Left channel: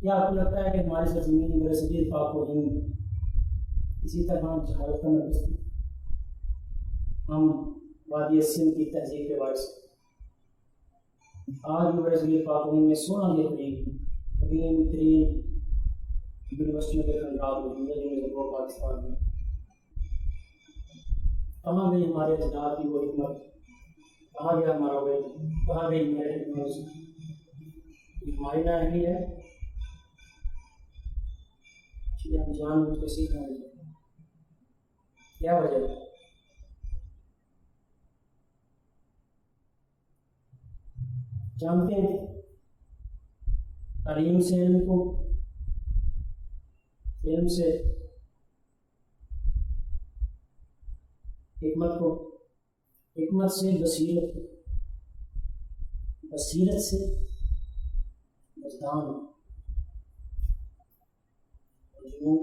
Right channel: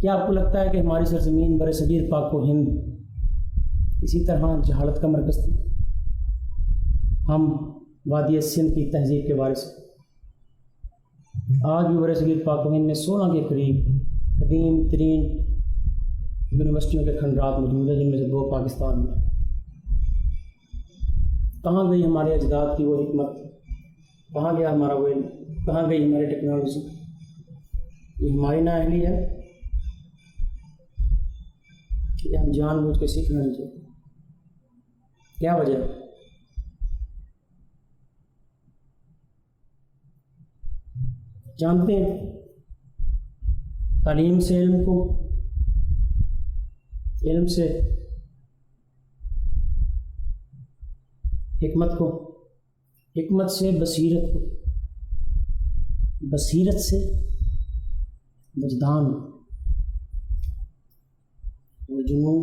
کیا آپ کو لگتا ہے کہ ہماری سرزمین برصغیر پاک و ہند اسی طرح جہالت کا مرکز تھی؟ ہم وادی سندھ کی تہذیب کے وارث ہیں۔ آج بھی برصغیر پاک و ہند میں 16 کے قریب قدیم ترین یونیورسٹیوں کے کھنڈرات موجود ہیں، جن میں سے 2 پاکستان میں۔ کہاں گئی ہمارے اجداد کی وہ حکمت؟ کہاں گیا ہمارا وہ علم؟ کہاں گئی ہماری ٹیکنالوجی؟ یہ ہماری نااہلی ہے کہ ہم جان بوجھ کے سیکھنا نہیں چاہتے؟ کیا وجہ ہے؟ جانتے ہیں تعلیم سے علم کو، علم سے حکمت کو، حکمت سے بصیرت کو، بصیرت سے وجدان اور جنون